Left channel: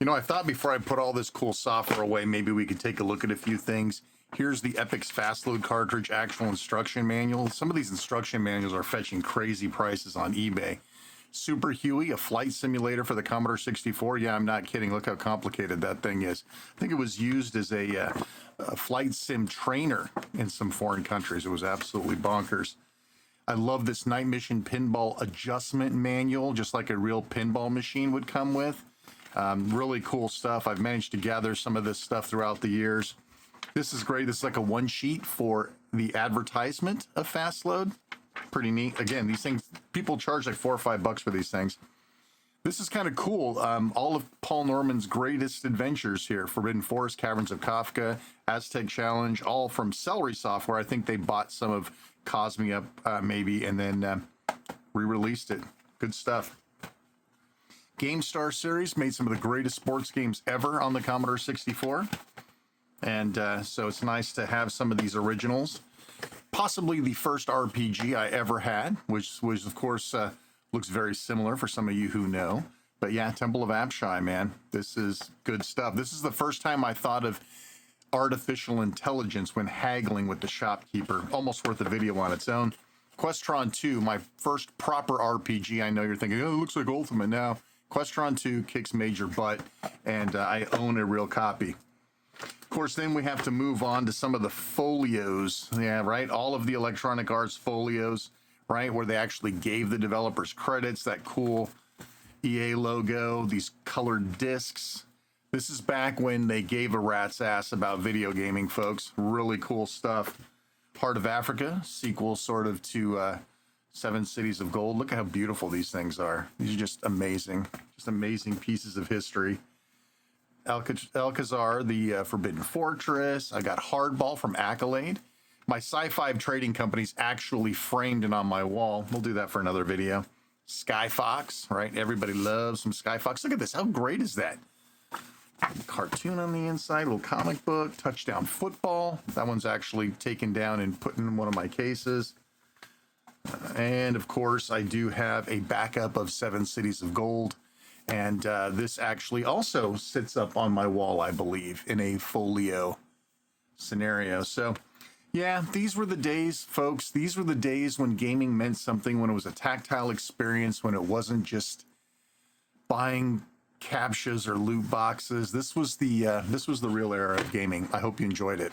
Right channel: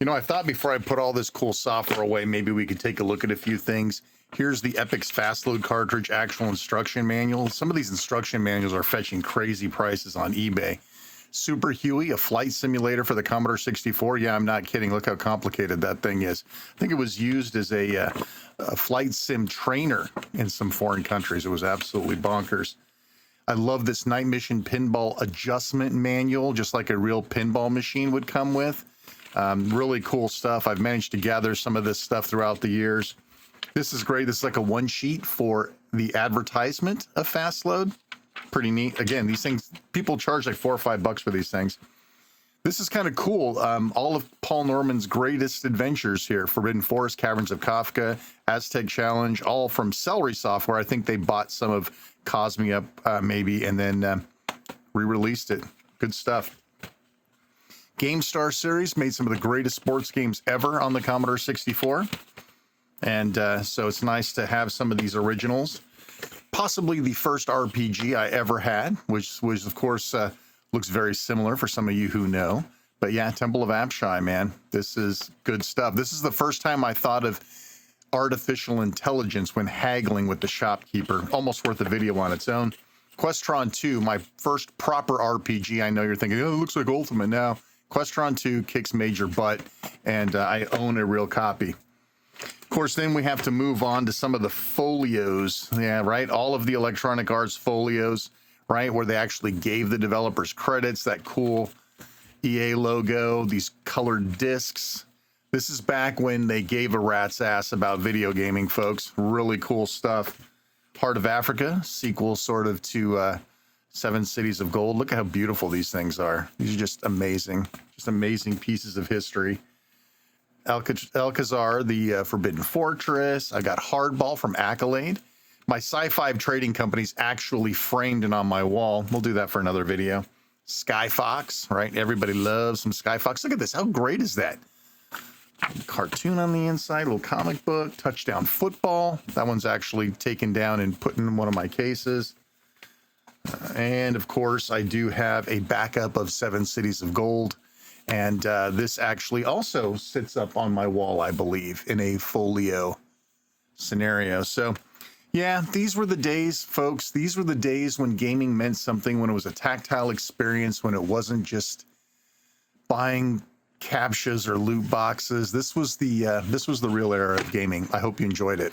You know, I thought before I put all this cool software away, maybe we could take a look at a few things. Here's the Epix Fastload cartridge actual instruction manual. Some of these instruction manuals are fetching crazy prices on eBay. Super Huey, a flight simulator for the Commodore 64. Yeah, I'm not kidding. Look how complicated that thing is. I think it was used as a flight sim trainer in some foreign countries. It was absolutely bonkers. I love this Night Mission pinball adjustment manual, just like a real pinball machine would come with. Really cool stuff. I've managed to gather some of this stuff throughout the years. This is great. This is like a one sheet for the advertisement of Fastload. Pretty neat. Again, these things, people charge like $4 or $5 for these things. This is kind of cool. All of Paul Norman's greatest adventures here: Forbidden Forest, Caverns of Kafka, Aztec Challenge, all from Celery Software. I think they bought some of Cosmia maybe, and then re-released it. Good stuff. GameStar series made some of the greatest sports games ever on the Commodore 64. And so it's nice to have some of these originals. Possibly the first RPG I ever had, which was, of course, looks very similar for some of you who know. But yeah, Temple of Apshai, man, this is good stuff. This is the first time I thought of artificial intelligence when haggling with the shopkeeper. Almost worth a video on its own. Questron 2, my first proper RPG. I know you're thinking, oh, it looks like Ultimate now. Questron 2 kicks major butt, and I own a real copy. Of course, then we have to move on to some of the folios. Yeah, right? All of the Electronic Arts folios, right? Where they actually gave the developers credits, that cool EA logo, these colored discs. This is back when they gave a rat's ass about video gaming, folks. Really cool stuff. Heart of Africa, sequel sort of to Seven Cities of Gold. Look at how beautiful these things are. These are just amazing pieces of history. Alcazar, the Forbidden Fortress. I got Hardball from Accolade. My Sci-Fi trading company's actually framed and on my wall. We'll do that for another video. Skyfox, right? Everybody loves some Skyfox. Look at this. How great is that? Cartoon on the inside, little comic book, Touchdown Football. That one's actually taken down and put in one of my cases. And of course, I do have a backup of Seven Cities of Gold. And this actually also sits up on my wall, I believe, in a folio scenario. So, yeah, these were the days, folks. These were the days when gaming meant something, when it was a tactile experience, when it wasn't just buying captchas or loot boxes. This was the real era of gaming. I hope you enjoyed it.